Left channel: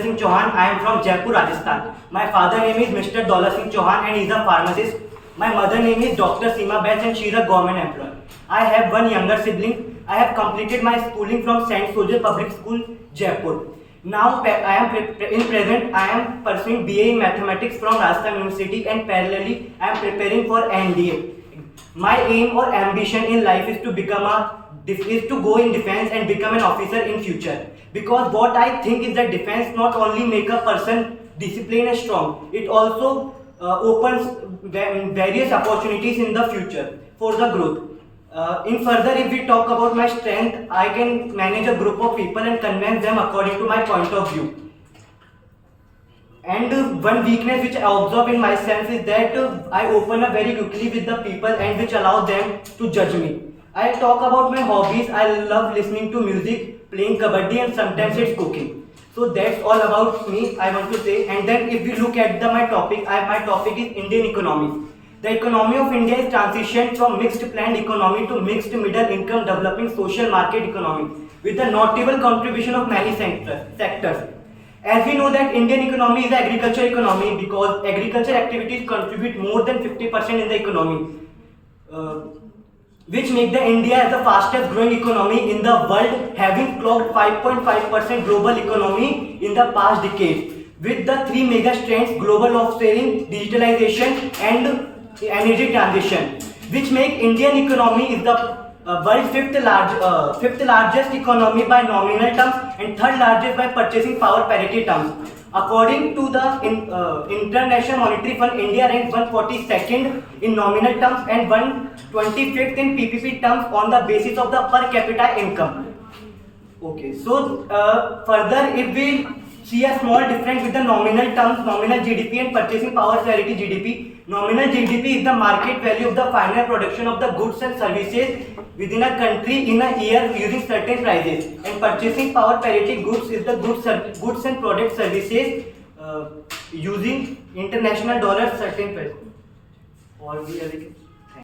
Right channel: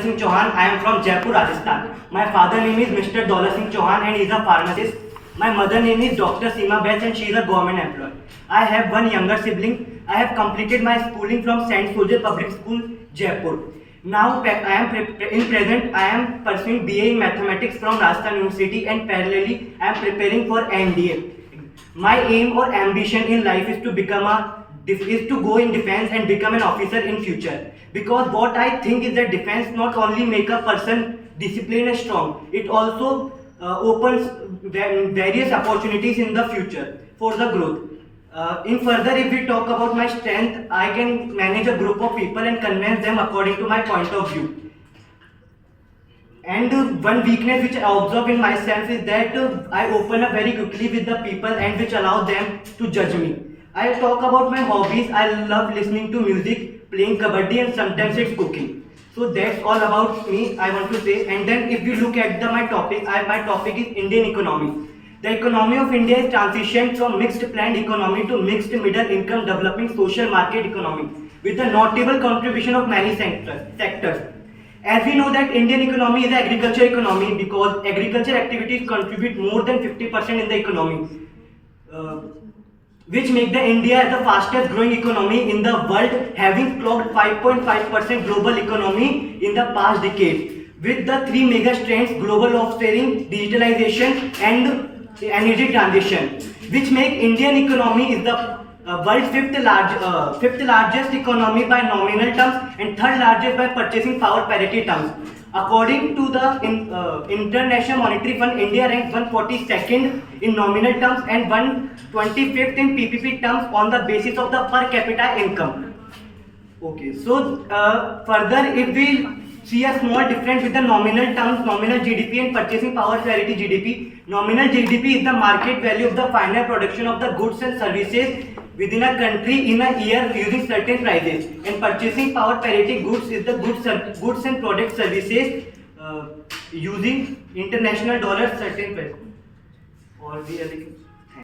Daulata Singh Chauhan. I am from Jaipur, Rajasthan. My father name is Mr. Daulata Singh Chauhan and he is a pharmacist. My mother name is Dr. Seema Bains and she is a government employee. I have one younger sibling. I have completed my schooling from Saint Soldier Public School, Jaipur. Now in present I am pursuing BA in Mathematics from Rajasthan University and parallelly I am preparing for NDA. My aim or ambition in life is to go in defense and become an officer in future. Because what I think is that defense not only make a person disciplined and strong, it also opens various opportunities in the future for the growth. In further, if we talk about my strength, I can manage a group of people and convince them according to my point of view. And one weakness which I observe in myself is that I open up very quickly with the people and which allow them to judge me. I talk about my hobbies. I love listening to music, playing kabaddi and sometimes it's cooking. So that's all about me I want to say. And then if we look at my topic is Indian economy. The economy of India is transitioned from mixed planned economy to mixed middle income developing social market economy with a notable contribution of many sectors. As we know that Indian economy is an agriculture economy because agriculture activities contribute more than 50% in the economy, which make the India as the fastest growing economy in the world, having clocked 5.5% global economy in the past decade. With the three mega strengths, global offshoring, digitalization and energy transition, which make Indian economy is the world's fifth largest economy by nominal terms and third largest by purchasing power parity terms. According to the International Monetary Fund, India ranks 142nd in nominal terms and 125th in PPP terms on the basis of the per capita income. Okay, so further if we see a small difference with the nominal terms, nominal GDP and purchasing power parity GDP. Nominal GDP is the market value of the final production of the goods and services within a country in a year using certain prices, and purchasing power parity goods is the goods and product services using international dollars certain price. Or the